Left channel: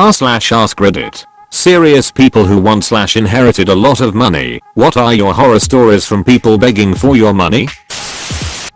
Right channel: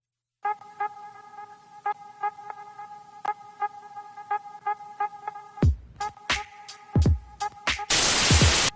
r/askreddit. Serious people who once/inherited a lot of money. What are your horror stories from people begging for your money?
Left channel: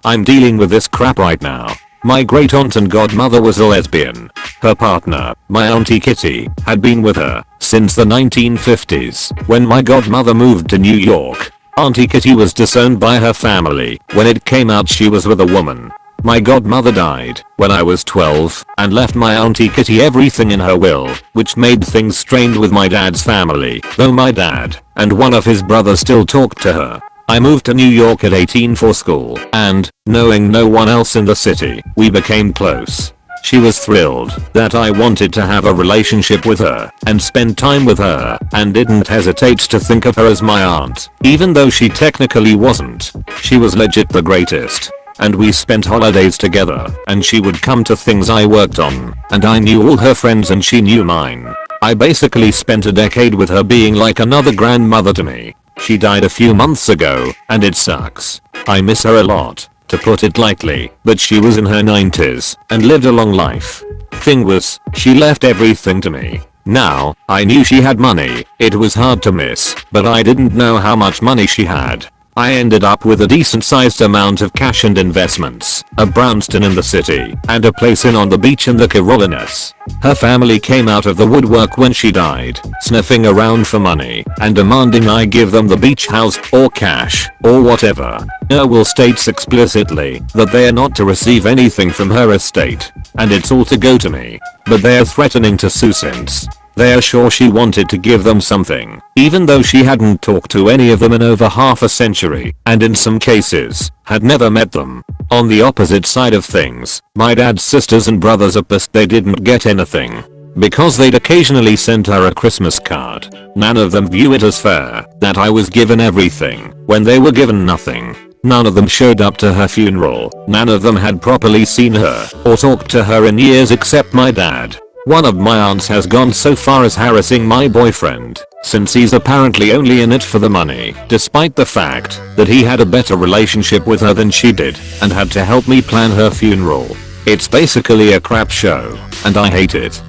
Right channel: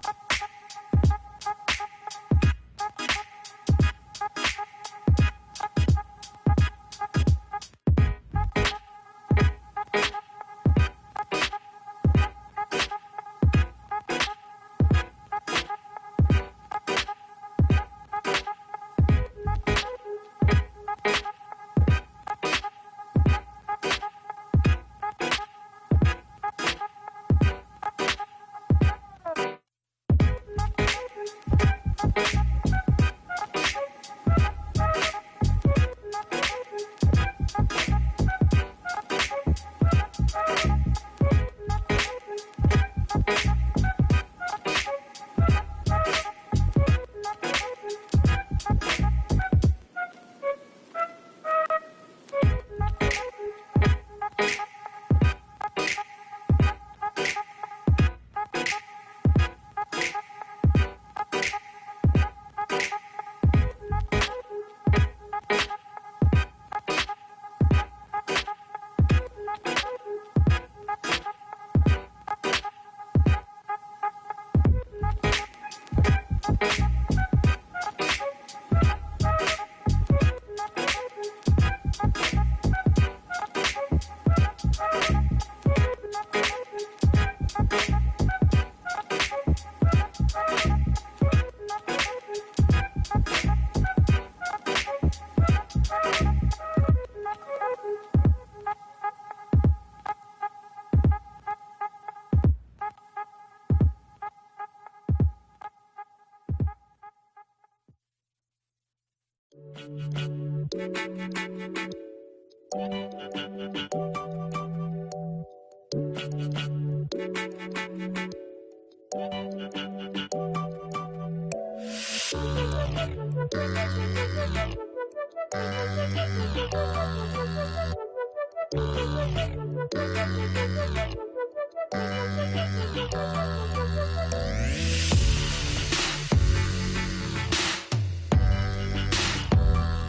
I'm dealing with this crap right now. My great aunt and godmother was a lesbian. Her partner, my auntie Kitty, had been with her since the 1950s. When my godmother moved to New York, Auntie Kitty was disowned by her family when it came out she was with a woman. My godmother died when I was 12 and left my auntie Kitty everything in her will, which made things strained with my dad's family, though my dad and one of his brothers still talked to her. I moved to New York at 18 for school, and, knowing no one else in the city, we became close. She was thrilled that I wanted to have a relationship with her and spend time with her, and didn't hesitate to think of her as my aunt, even though she technically wasn't. She was legit the greatest. And we spent holidays together, and she would come to things I worked on, and I knew all her friends and she knew mine. I basically spent a decade with her, being like another grandmother to me. She died a few months ago, and it sucks. I miss her a lot, to put it lightly, but she was in her 90s and lived a long life. Thing was, she left everything to me. Now, I knew she had money, it was hard to miss, but I didn't know how much money she had. I ended up with a decent sized amount of cash and investments, a brownstone in the city, and a place on the beach in the Carolinas. Her family came out of the woodwork when she died, sniffing around for money and demanding I give them the beach house or cash or whatever. Her will states explicitly that they are not to receive anything from her estate, and it's all to go to me, but they are threatening to sue since they are sure she wanted to give them something, even though she hadn't talked to any of them in over half a century, and in some cases, had never met them. On the opposite side of things, my dad's sisters and brothers are pissed they didn't get anything, because they'd occasionally sent her a Christmas card. None of them view it as fair that I was given everything when they were given nothing. None of them showed up to her funeral. None of them had properly seen her or talked to her in years except my dad. One of my aunts has gone so far as harassing my boyfriend, since he's apparently only in it for the money, despite the fact that he had a better relationship with her than she did and had to help me plan her funeral. It's basically a crap show, and I hate it.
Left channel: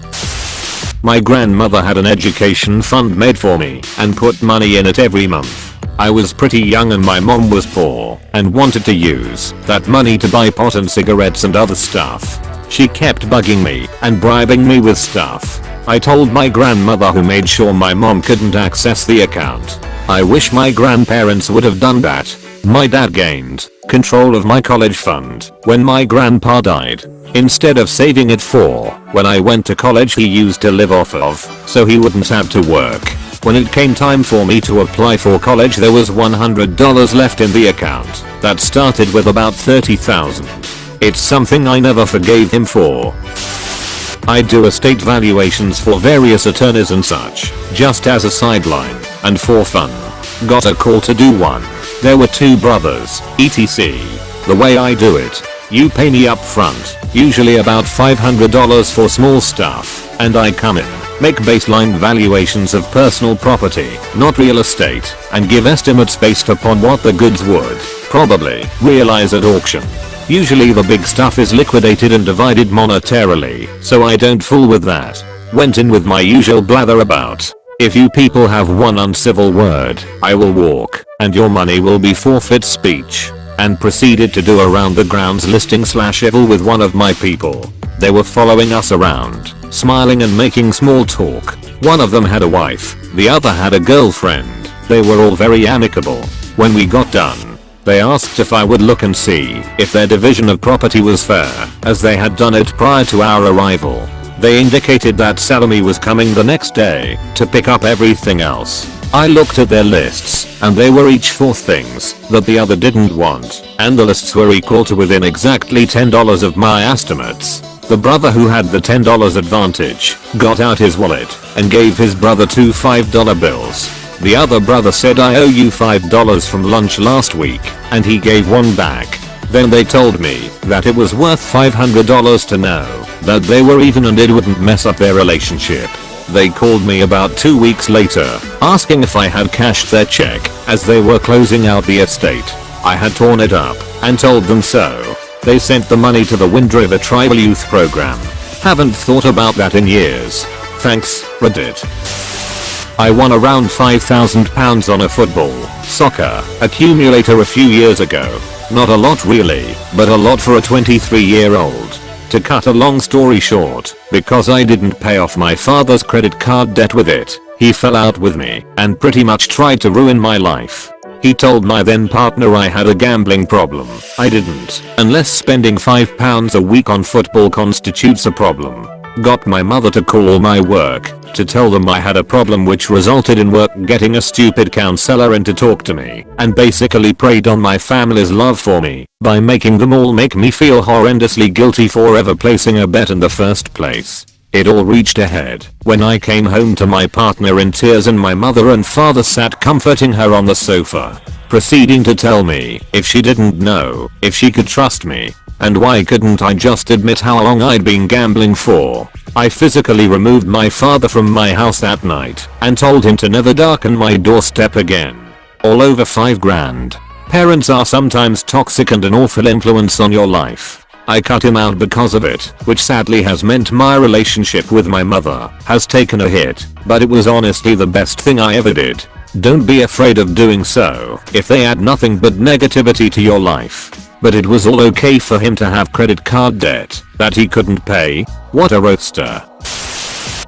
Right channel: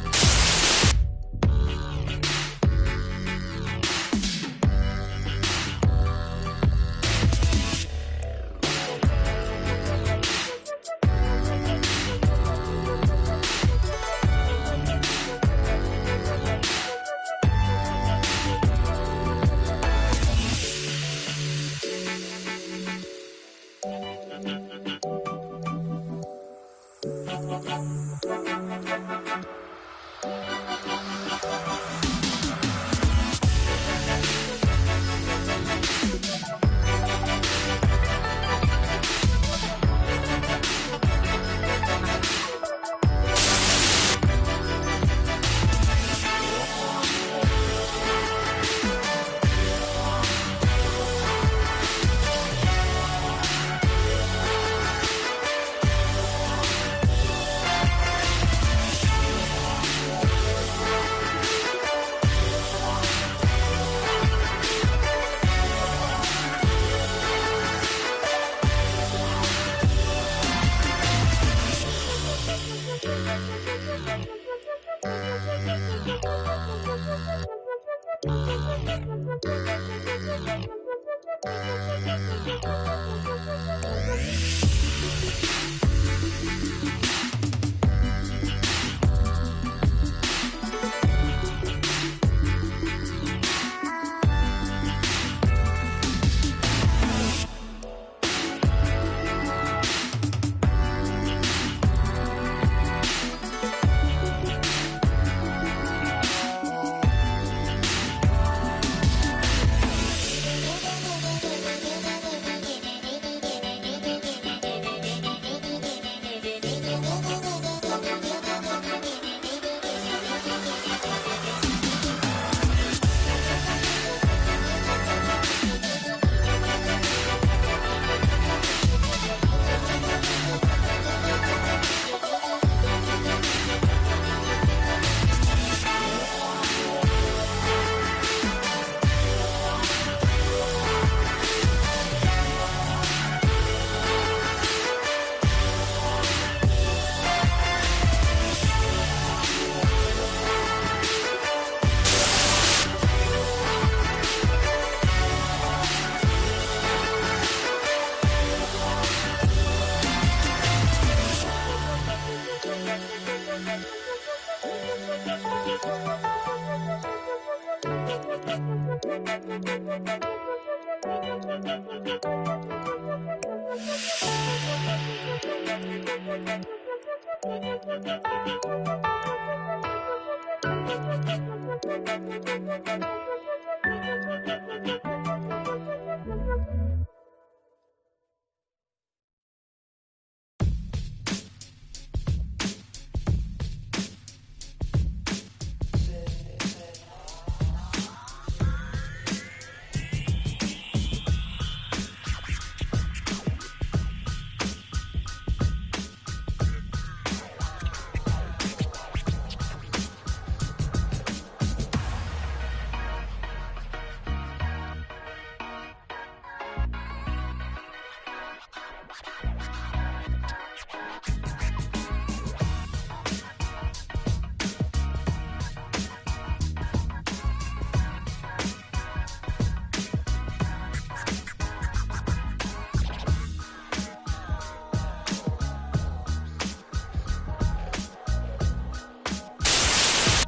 My grandmother had an education fund made for me and put money in it every month. I was pretty young and my mom was poor and wanted to use that money to buy pot and cigarettes and other stuff. She kept bugging me and bribing me with stuff. I told my grandmother, who made sure my mom couldn't access the account. I wish my grandparents would have done that. My dad gained control of my college fund when my grandpa died. Instead of saving it for when I went to college, he used to live off of, so he wouldn't have to work. When it came time for me to apply for college, there was $100 left in the account that started with about $30,000. It's something I never forgave him for. I do estate valuations for various attorneys and such, just as a sideline and for fun. Got a call to do one. There were two brothers, etc. The way I do it, you pay me up front, usually about $500 for small stuff, and I come in, make baseline valuations of personal property, not real estate, and give estimates based upon what the goods would probably realize at auction. Usually the big stuff is liquidated and divided monetarily, so I don't fool with that. Went in with my usual blather about, if you people have one uncivil word, I will walk, and your money will be forfeit speech, and proceeded to do around the grounds listing/evil with one of my people. They were following us around, smiling and making small talk. One of them had a wife, the other had a girlfriend. They were all very amicable. When we got done, they asked if I would look and see if their division of property was fair, as they had done it prior to our arrival. They indicated that Salome was coming the next day to pick up everything else. I looked at their lists, and they were each for things that the other didn't want, and the lists were equal to within exactly $10 of my estimates. The brother who had the $10 advantage got out his wallet and gave his brother two $5 bills. The other brother said, I owe you $5 from lunch last week, and he gave one back. Then they told me that it was worth $500 to know that they were even and it wouldn't mess up their relationship. They called me about 2 weeks later, asking if I had cashed their check, as they were closing out the estate. I had torn it up and told them so. They sent the money to the Wind River Tribal Youth Program. Haven't thought about that in years. Thanks, Reddit. I won around £5,000 on a football, soccer, accumulator a few years ago. Not a lot really, but a lot for a 23-year-old. To cut a long story short, because I didn't pay off my father's credit card debt with it, he fell out with me and pretty much tried to ruin my life. He told my then partner I had a gambling problem. I didn't, unless spending £5 a week on football constitutes a problem. Got my mother to call my work to tell them I had a problem, which resulted in work getting a stupid counselor in to talk to me, and basically preyed on my family's love for me by making them all make me feel horrendously guilty for ever placing a bet in the first place. It all reached a head when I came home to my partner in tears and my mother and father sat comforting her on the sofa, proceeding to tell me if she didn't know if she could trust me. And why couldn't I just admit how long I'd been gambling for? I physically removed my father from my house that night and told him to never darken my doorstep again. All over $5,000. Parents are sometimes toxic and an awful influence on your life. I cut him out because of it, which sadly has meant my relationship with my mother has taken a hit, but it was honestly the best thing I ever did. Don't be afraid of doing so if they add nothing but negativity to your life. But it was all okay for him to have credit card debt that he couldn't pay. What a roadster.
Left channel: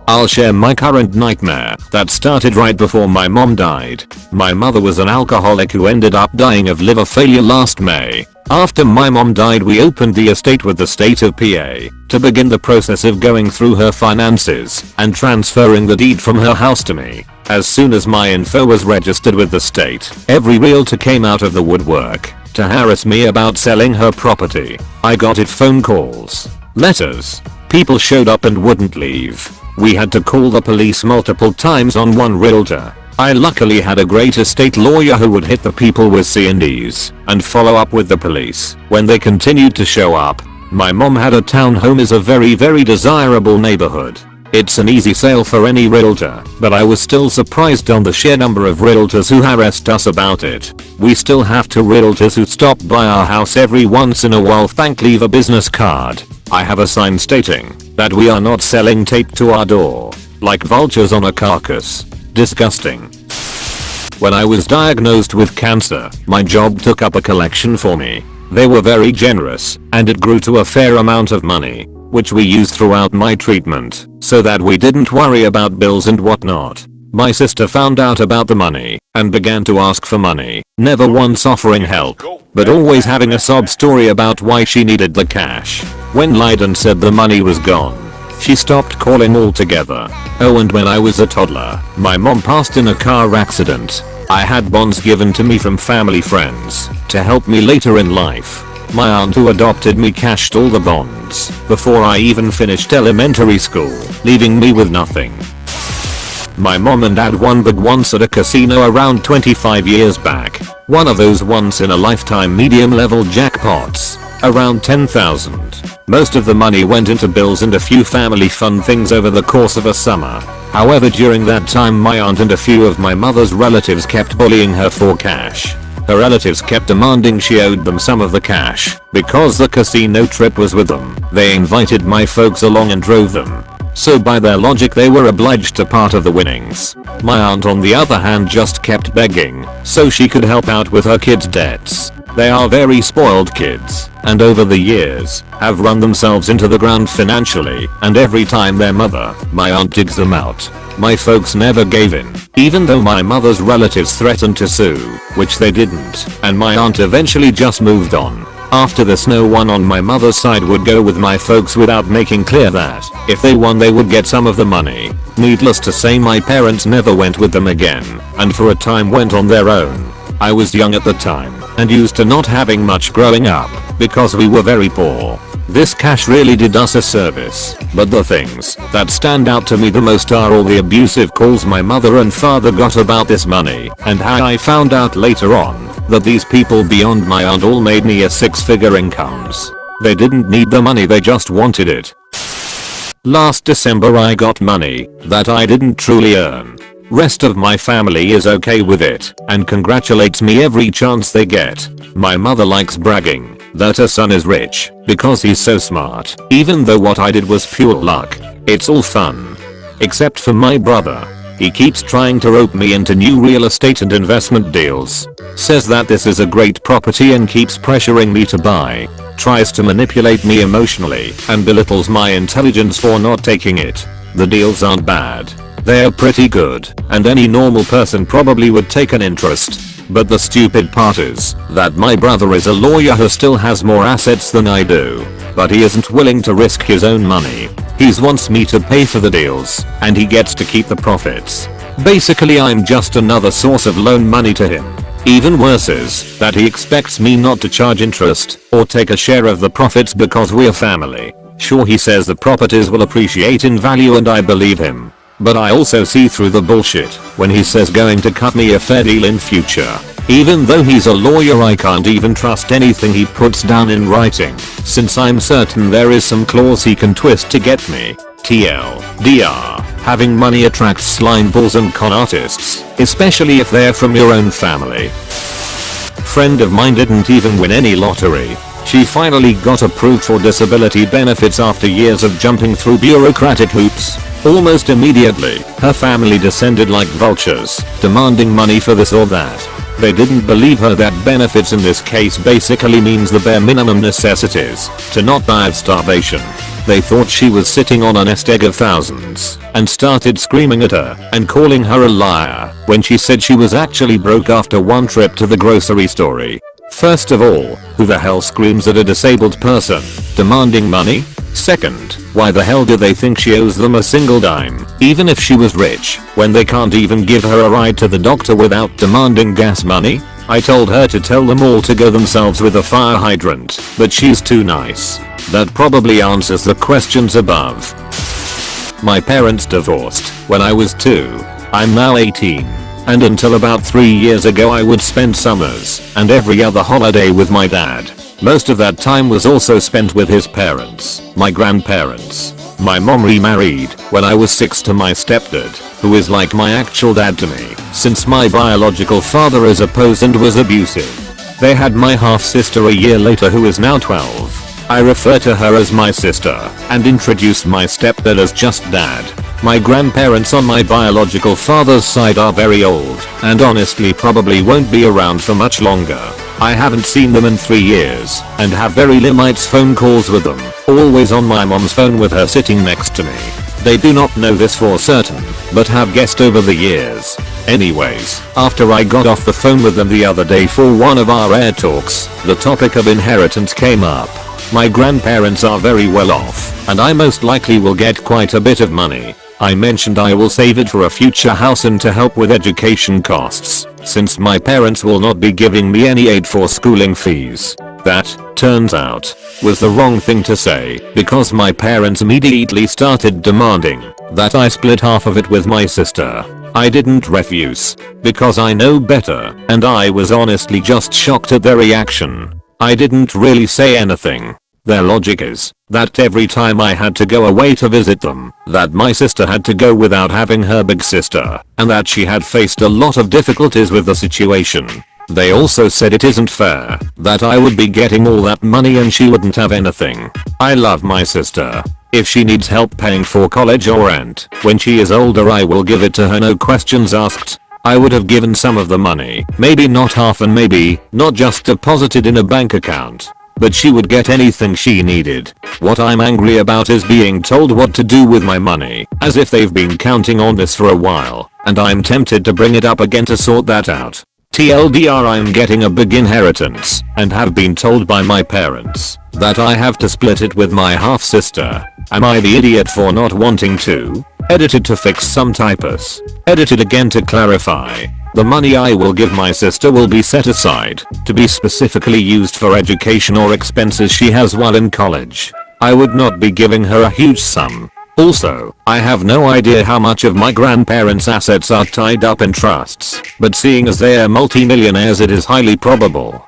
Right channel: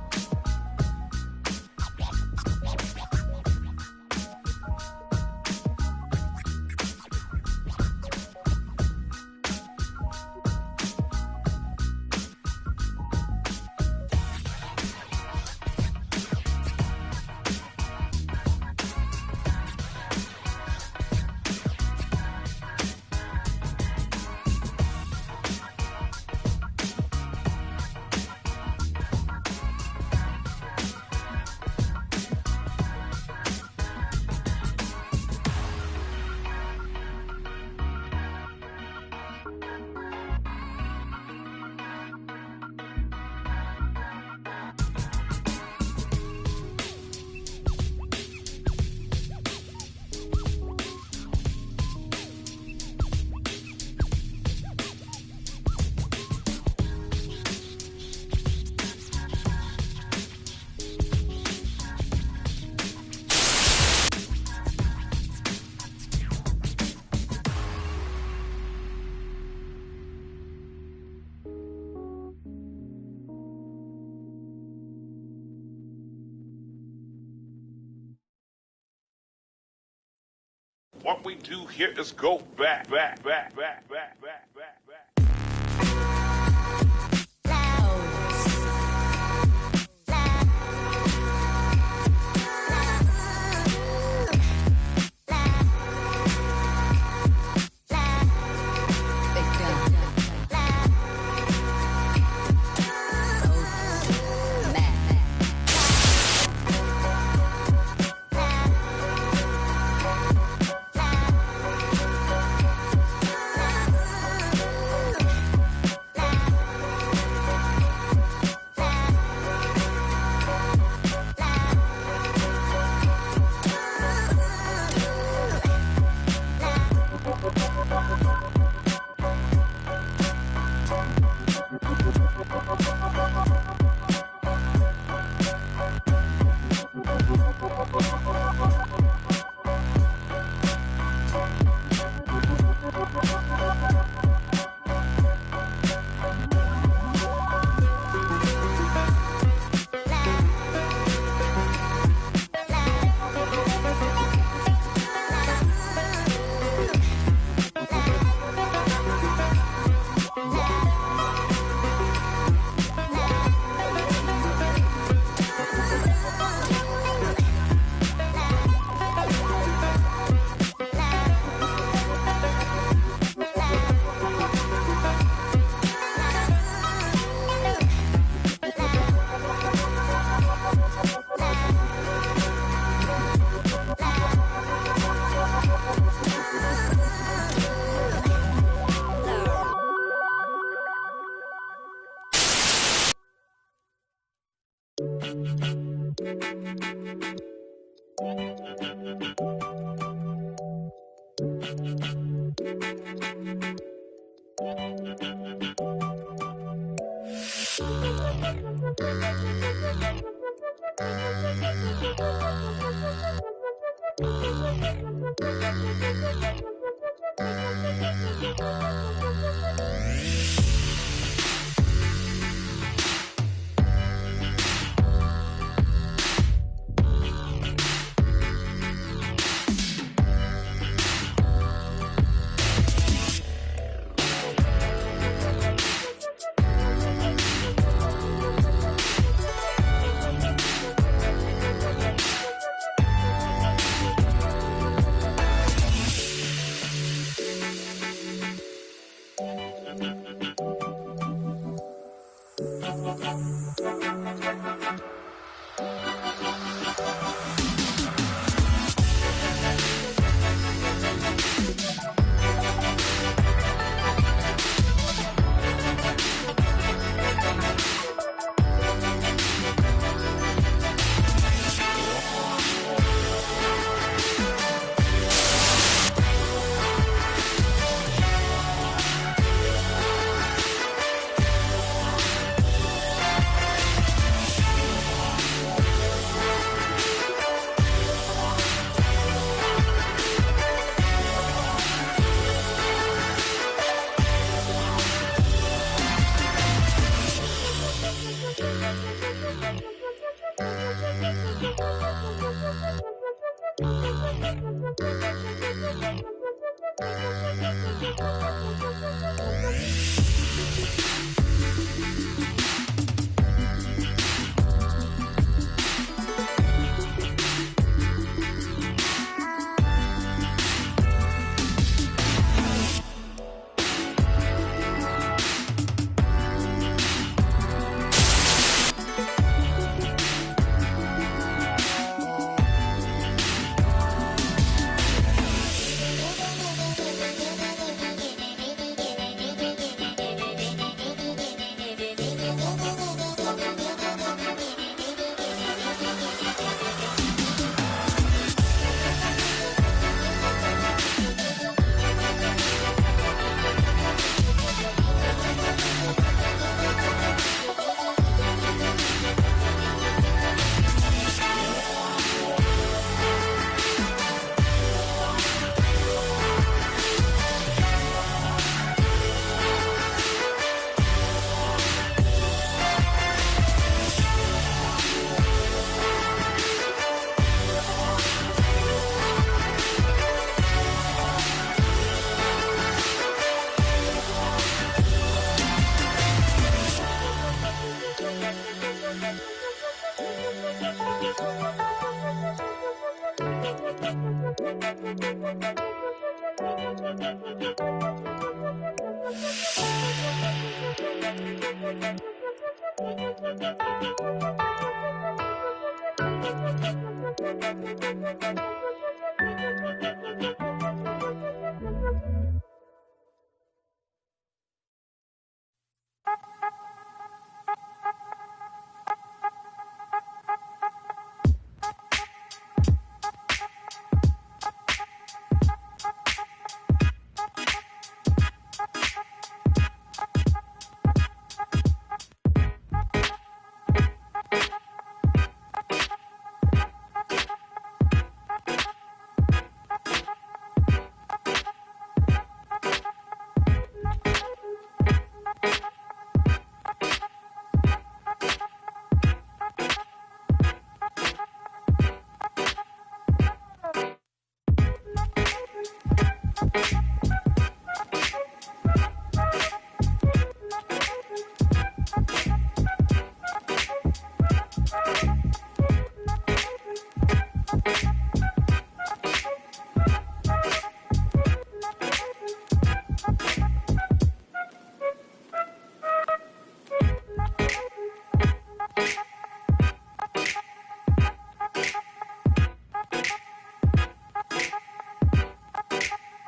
I'll share my current nightmare that started right before my mom died. My mother was an alcoholic who ended up dying of liver failure last May. After my mom died, we opened the estate with the state of PA to begin the process of going through her finances and transferring the deed from her house to me. As soon as my info was registered with the state, every realtor came out of the woodwork to harass me about selling her property. I got it, phone calls, letters. People showed up and wouldn't leave. We had to call the police multiple times on one realtor. I luckily had a great estate lawyer who would hit the people with C&Ds and follow up with the police when they continued to show up. My mom had a townhome in a very desirable neighborhood. It's an easy sale for any realtor, but I was still surprised on the sheer number of realtors who harassed us about it. We still have 2 realtors who stop by our house every once in a while. Leave a business card. I have a sign stating that we are not selling taped to our door, like vultures on a carcass. Disgusting. When I was diagnosed with cancer, my job took up a collection for me. They were very generous, and it grew to a fair amount of money, which we used throughout my treatment, so that we didn't worry about bills and whatnot. My sister found out about the money and began to ask for money, never once offering help, but always having a sob story about why she needed the cash. When lied and said the money was gone, she stopped calling altogether. Oh, and when I was a toddler, my mom passed in a car accident. I had bonds given to me from family friends to help me later in life. My aunt who adopted me cashed all the bonds before I even finished elementary school, leaving me with nothing. My mom and dad won big once at a casino around 25 years back. One of those once in a lifetime medium level jackpots, around 10,000. Most of the money went into bills and a few family fun things over the course of a summer. However, during that time my aunt and a few of my mother's relatives kept bullying her for cash. Her relatives kept demanding she owed them some of the cash because the casino trip was with them. They invited my folks along and drove them. So by their logic they were obliged to part of the winnings. My aunt on the other hand just kept begging so she could help out with her kids' debts. They are very spoiled kids, and over the years, have run themselves into the ground financially, and every time their mother, my aunt, digs them out, my folks never gave in, even though my mother's relatives threatened to sue, which they didn't, and my aunt eventually just moved on. After this, no one on my mother's side would go with my folks without making clear that if they won they would get some of the money. Needless to say, my parents never went with them again, and for a time went on their own. I was young at the time and used to not having much growing up because we were very poor. This cash really did us a service, but the things that stand out to me the most are all the abusive calls my mother and father got about this money, and how I found out later on that these people beyond my aunt all made near 6-figure incomes. They didn't need the money, they just wanted it. Last December I got money that I didn't truly earn. Rest of my family is okay with it and congratulates me every chance they get. My mother likes bragging that her son is rich because he's so smart, even though what I did was pure luck. It's all fun. except for my brother. He keeps trying to rope me into new real estate and investment deals. Says that this is a great property and keeps pressuring me to buy. Tries to manipulate me emotionally and belittles my intelligence for not taking it. The deals aren't bad. They're pretty good, and any normal person probably would take an interest. But the stupid part is that my brother is a lawyer who still has more assets than I do. But he isn't willing to risk his own money. He wants me to pay for the deals, and he gets to keep the profits. Basically, I'm just another source of loan money to him. Even worse is that he expects me not to charge interest or take a share of the profits because we're family. Sure, he says the properties will appreciate in value and I believe him. But I also see through the bullshit when he says going to cut me a fair deal in future. Even though he's a lawyer, I can't even trust anything he puts down in writing, since I'm certain there is some clause he can twist to get me. TLDR. Having money attracts slime balls and con artists, especially if they're from your own family. Friend of mine didn't even win any lottery. She finally got approved for disability benefits after years of jumping through bureaucratic hoops. Almost immediately, her family descended like vultures, demanding money for this or that. They didn't believe her that benefits in this case basically means the bare minimum necessities to not die of starvation. They thought she was sitting on a nest egg of thousands and started screaming at her and calling her a liar when she said she was actually broke after one trip to the grocery store. First of all, who the hell screams at a disabled person demanding money? Second, why the hell do they think she owes them a single dime, even if she was rich, when they can't even give her a ride to the doctor without demanding gas money? I told her to tell them all to go themselves with a fire hydrant, but she's too nice. That probably answers the questions above. My parents divorced when I was 2. I'm now 18. And until about 3 years ago I would spend summers and every other holiday with my dad. Most of that time was also spent with his parents, my grandparents. My mom remarried when I was 6 to my stepdad, who is like my actual dad to me, since my biological father is opposed and was abusive. They had my half sister a year later who is now 12. I refer to her as my sister and introduce my stepdad as just dad. My grandparents on my biological father's side are very old and honestly probably won't be around for much longer. I haven't seen them in 3 years and have very limited phone calls with them, always on my mom's phone with her sitting next to me. They do not know this for certain, but have guessed over the years. Anyways, after I got off the phone with them the other day for one of our air talks, the topic of inheritance came up. My grandparents are very well off, and I most likely will get quite a bit of money. I mentioned I will save it for a future house and to help with education costs, since my parents will not be giving me any aid for schooling fees. That, turns out, was the wrong thing to say, because my parents immediately started demanding that I split half of it with my sister. I didn't refuse, because I know better, and I was honestly just shocked at their reaction. I didn't really say anything. Their logic is that every time I had to go away to visit them, that my sister had to go without having her big sister, and that she had faced a lot of difficulties with the situation. They also said it isn't fair that I would be getting all that money and she wouldn't have anything. I love my sister. If she needs help paying for college or rent, when she is older I will give it to her, no questions asked. I would have given some of the money, maybe not half and maybe not just deposited in a bank account. But she would get anything she needed. What I'm angry about is being told what to do with my money, as if they've been counting on this for a while, and I'm tempted to bring it up again to sort that out. TLDR, I'm getting a big inheritance, and have been told by my parents that I have to split it with my half sister. Am I the idiot for not wanting to? Edited to fix some typos. Edited again to clarify. The money I will give my sister will be set aside to be specifically used for education or expenses she has while in college. I would not be giving her a huge sum. Also, I have no idea how much of my grandparents' assets are tied up in trusts, but seeing as they are multi-millionaires it is highly probable.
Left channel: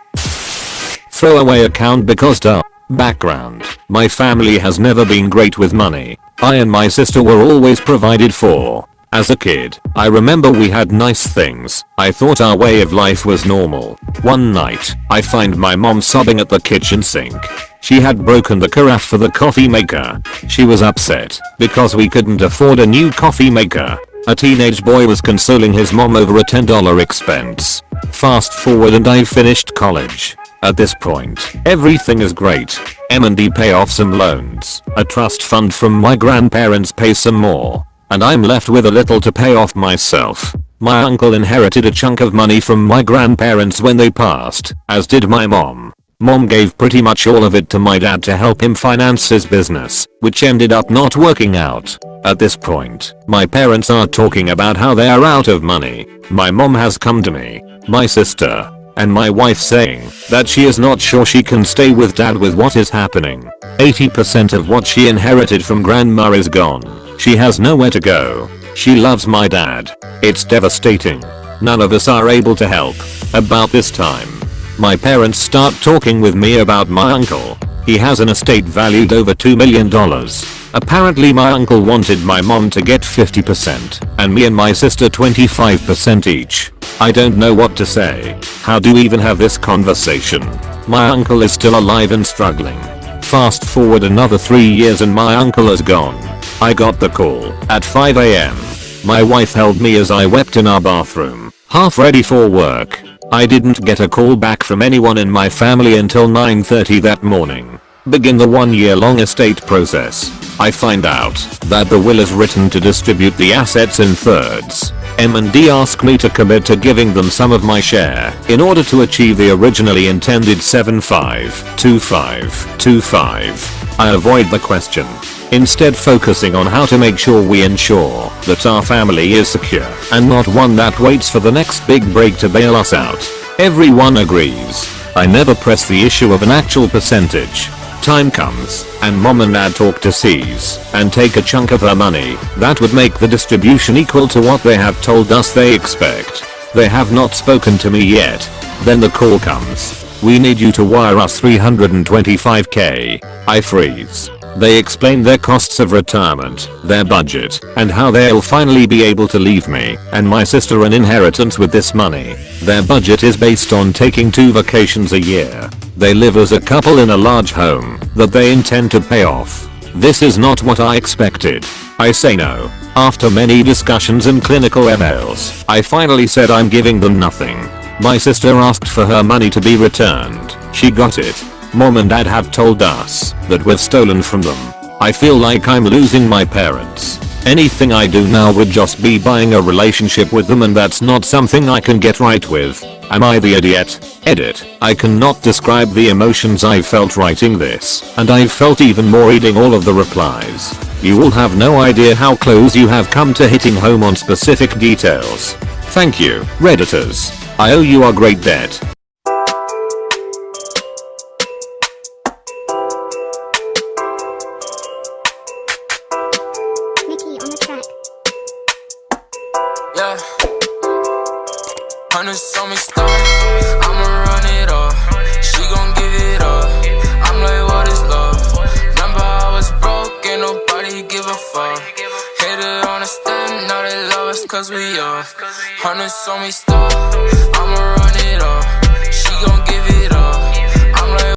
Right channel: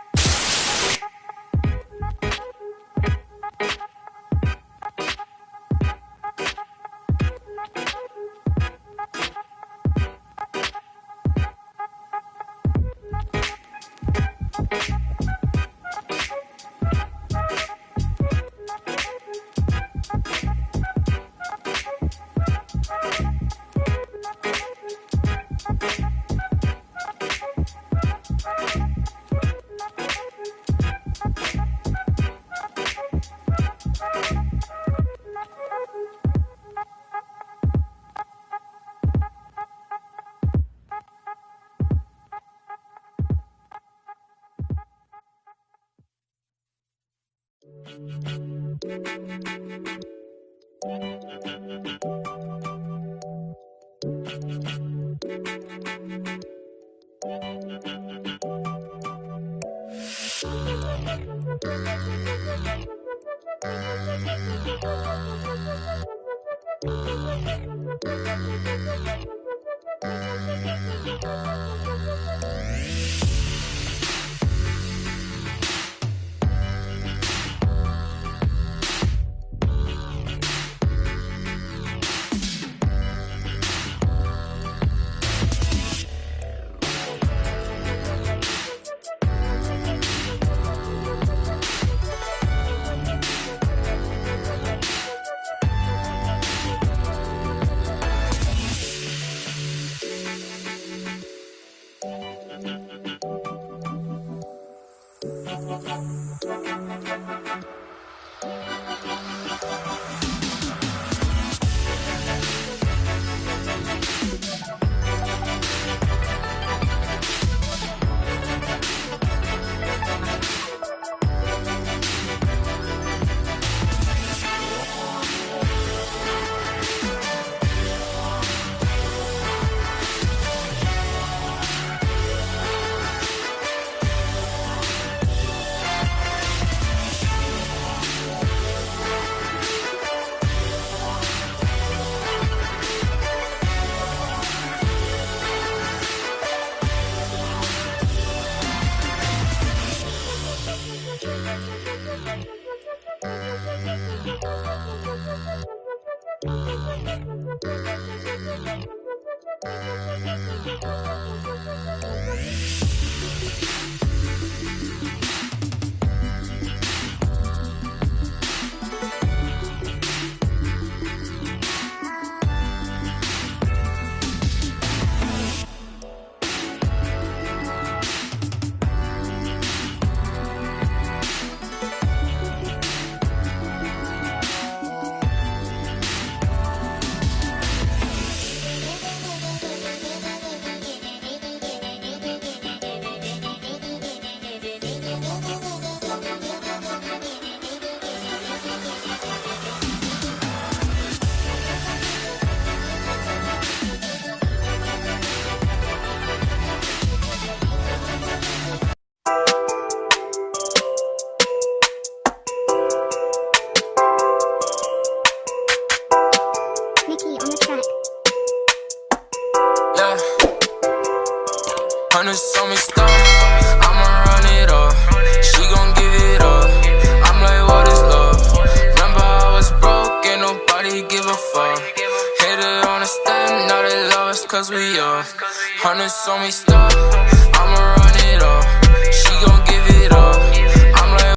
Throwaway account because duh. Background. My family has never been great with money. I and my sister were always provided for. As a kid, I remember we had nice things. I thought our way of life was normal. One night, I find my mom sobbing at the kitchen sink. She had broken the carafe for the coffee maker. She was upset because we couldn't afford a new coffee maker. A teenage boy was consoling his mom over a $10 expense. Fast forward and I finished college. At this point, everything is great. M&D pay off some loans. A trust fund from my grandparents pays some more. And I'm left with a little to pay off myself. My uncle inherited a chunk of money from my grandparents when they passed, as did my mom. Mom gave pretty much all of it to my dad to help him finance his business, which ended up not working out. At this point, my parents are talking about how they are out of money. My mom has come to me, my sister, and my wife saying that she is not sure she can stay with dad with what is happening. 80% of what she inherited from grandma is gone. She has nowhere to go. She loves my dad. It's devastating. None of us are able to help. About this time, my parents start talking with me about my uncle. He has an estate valued over $2 million. Apparently my uncle wanted my mom to get 50% and me and my sister 25% each. I don't know what to say. How do we even have this conversation? My uncle is still alive and struggling. Fast forward another 3 years and my uncle is gone. I got the call at 5 AM. My wife held me as I wept in our bathroom, half ready for work. I didn't get a call back from anyone in my family until 9:30 that morning. Begin the 1-year-long estate process. I find out that the will is written to distribute the assets in thirds. M&D asked me to commit to giving them some of my share in order to achieve the originally intended 75-25-25. I avoid the question, instead focusing on how to make sure we ensure that our family is secure and not one that waits for the next big break to bail us out. Everyone agrees. I never press the issue of an actual percentage. Time comes, and mom and dad talk to seize and take a chunk of her money that would make the distribution equal to what they have told us they expect. They have not spoken to me yet. Then the call comes. We need you to wire us $325k. I freeze. They explain their costs of retirement, their budget, and how they'll finally be able to leave me and my sister an inheritance with this money. Their budget is based on taking 2 vacations a year. They live as a couple in a large home that they intend to pay off. This is not what I expected. I say no. After many discussions and clinical emails, I finally said I'm giving them nothing. My sister asked for her money to be returned. She got it. Mom and dad have told us that we've stolen from them. I feel like I'm losing my parents. Anything I do now would just be buying a relationship with them, and that's not something I can get right with. Am I the idiot? Edit. I cannot describe the emotions I felt writing this, and I've felt even more reading all of the replies. You will have no idea how close you have come to hitting home on specific details. Thank you, Redditors. I owe you a great debt. Yeah, hundreds on me stop, I'ma run it up. She gon' give it up. I'm like, what is love? Remember I was broke, ain't nobody give a fuck. Hated on the stand, now they love us cause we up. Hundreds on me stop, I'ma run it up. She gon' give it up.